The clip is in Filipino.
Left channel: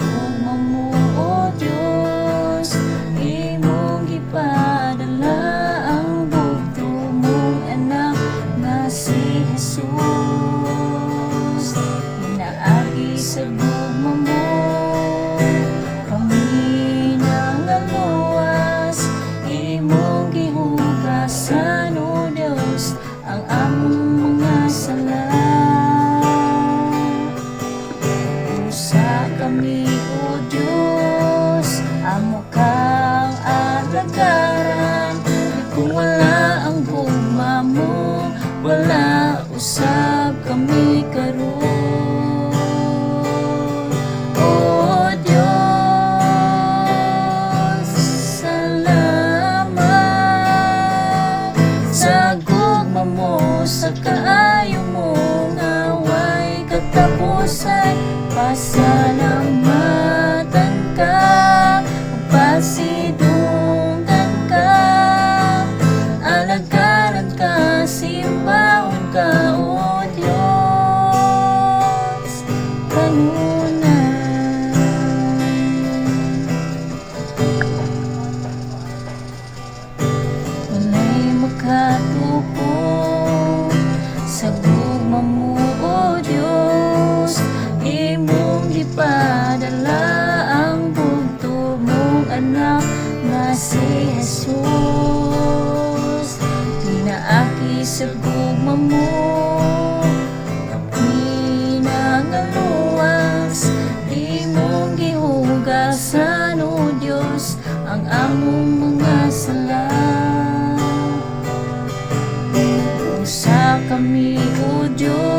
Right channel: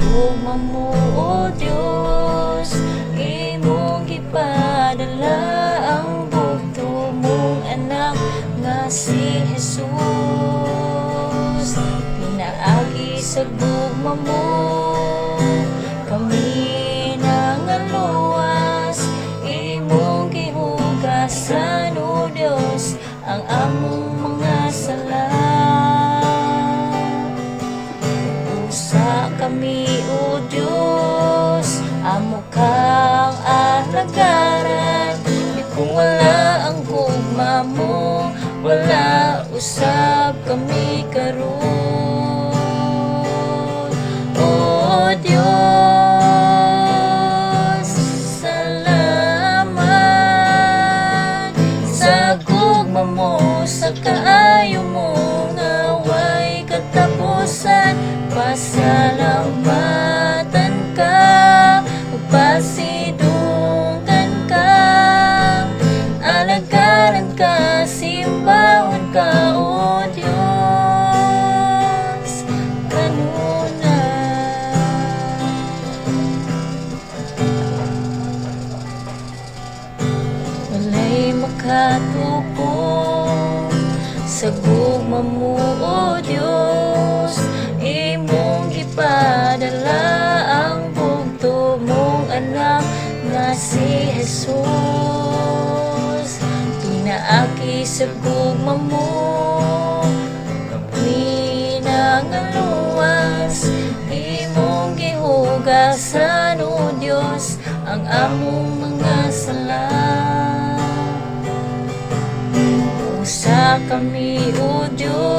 Ugma mo, O Diyos, imong gipadala ang bugto mong anak na si Jesus. Pinaagi sa gugma mo kami nangaluwas, imong gihugasan, O Diyos, ang among mga sala. Usa kami, O Diyos, amo kang alagaran. Kung wala ang gugma mo, wala usab kami karon. O Diyos, salamat sa gugma mo, sa kaayo mo nga way katapusan. Pasalamatan ka, magpasidunggan ka, alagaran ka, simbahon ka, O Diyos, kanunay. Walay makatupong sa gugma mo, O Diyos, imong gipadala ang bugto mong anak na si Jesus. Pinaaki sa gugma mo kami nangaluwas, imong gihugasan, O Diyos, ang among mga sala. Usa kami, O Diyos,